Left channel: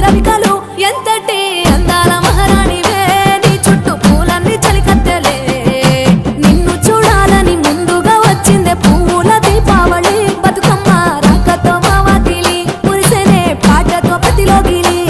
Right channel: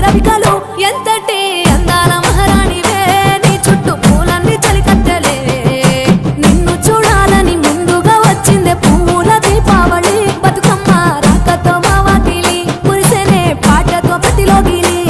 రవికలు ఎంతటి అందాల మహారాణివే నీ చుట్టూ పూలన్నీ చలికత్తెలే నిన్ను చూడాలని ముందుగా వచ్చిందే పూల దీపావళి బతుకమ్మ రాకతో మా వాకిలి మురిసెనే పాటతో ప్రతిలోగిలి